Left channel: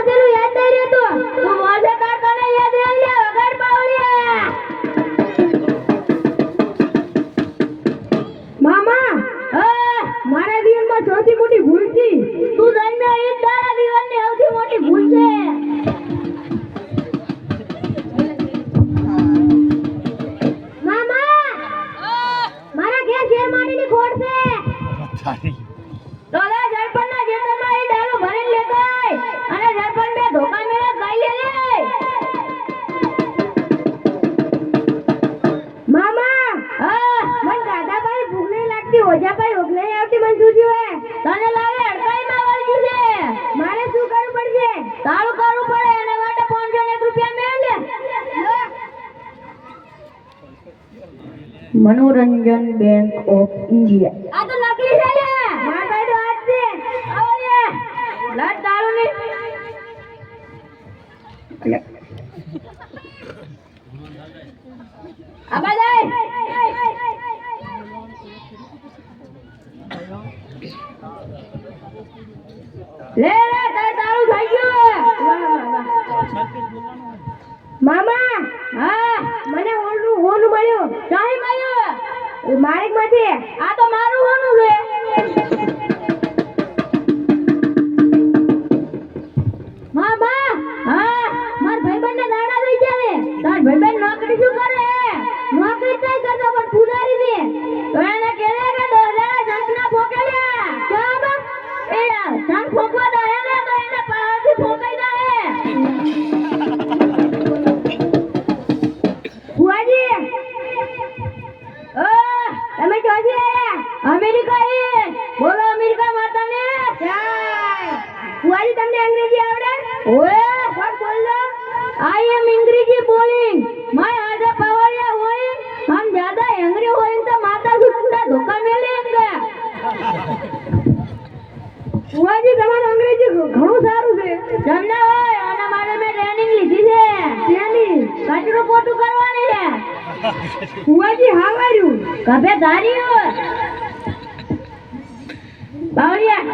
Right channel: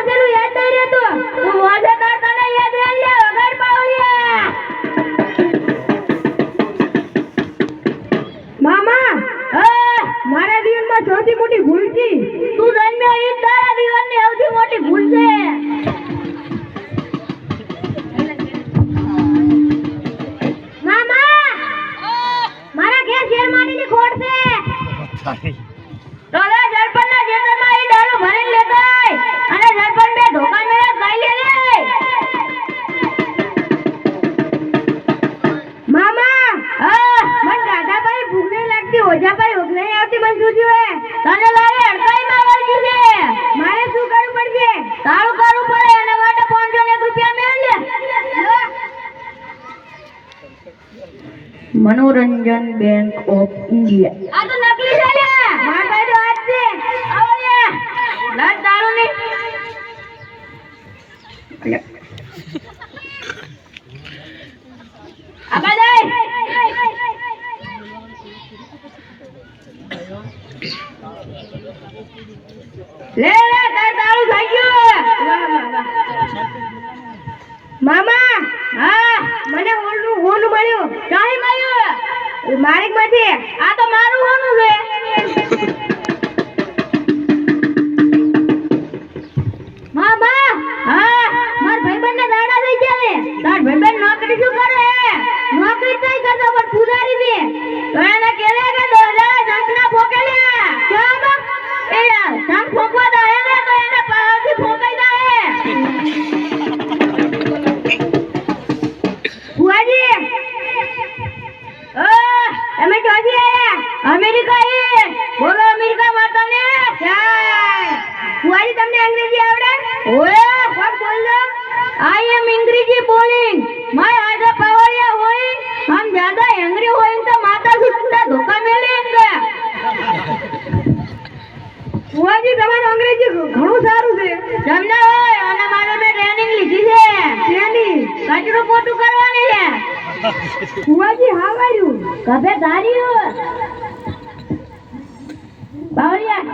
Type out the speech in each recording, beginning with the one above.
વાજેલું યાદ નહીં રહેતું તું વાજે તાર તને યાદ રહી લે વગર પાવલિયા મામા મારા જીવનમાં સૌથી મોટી ભૂલ છે તું જન્મ્યો એ તારા જીવનની સૌથી મોટી ભૂલ છે મામા મારા ઘેર શેરમાનીની ખોટ છે તોલા જળપણના જેતરમાં ઈ ડાળું ભરીને લેતાય અને જળપણ બે ધોકા મેળા ગાઈ લે મામા મન દાદાભાઈ ભૂખ નહીં લાગતી ઓજાભાઈ ભૂખ નહીં આવતી મન શું થયું તને લાગે અડકાઈમાં વળગ્યું છે મારે શું કરવું પડશે તારું કરવું પડે અને માટે 501 રૂપિયા મેળ લે મનોરંજન બેંક ઓફ ઇન્ડિયા આ તો નકલી છે લે માર ભાઈ તો આજ છે આવો લે લાજ દારૂ ની આબા જાય લે લે તાર દારૂ થઈ ગયો મામા મને ઓનું મળ્યું કાઈ મળ્યું માલિક માંથી આ તો મારું હોનું છે મામા માર ભાઈબંધને દાડા થઈ ગયા ને તાર ભાઈબંધ નોકરી શું કરે નોકરી નહીં કરતો પણ પૂજારી ને તો એને કેલે કે 2000 જંકના ફોકેલ્યા કેમ એ જંક ફોકવા દે એને તો એને પાવથી ફોકાઈ જાય ફુઆજી તમે ક્યાંથી આયા અમેરિકા એ બોલો અમેરિકા માં તમે ફુઆજી તમને અંગ્રેજી આવડે ઓય કોણ બોલો આઈ એમ અંગ્રેજી બોલિંગ માય આજા પાવરિયા હોય હમ જ્યાદા એંગ્રી હોય તો માતા જી કુંડા ધોકા મેલેંગે ફુઆજી તમારું અંગ્રેજી ઘણું સારું છે જમના હોય અને મારે મેં ટ્રેનિંગ લીધી છે ટ્રેનિંગ કચરું પોતું કરવાની છે ફુઆજી હા માર્યું કભે ધાર્યું બાવરિયા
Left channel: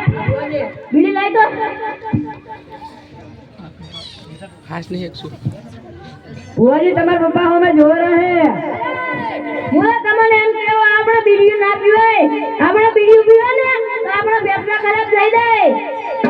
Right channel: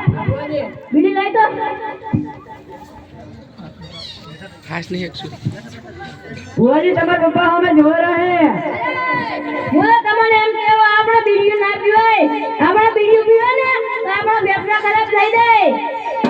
બીડી લઈ દો ખાસ નહીં એકસો ફુઆજી તમારા પપ્પા અમે જો રહે બોલો તમને એમ કેવો આપણે બીડી ના પીવાય આપણે બીડી પીવે ને તો આપણો વ્યવસાય ખરાબ થઈ જાય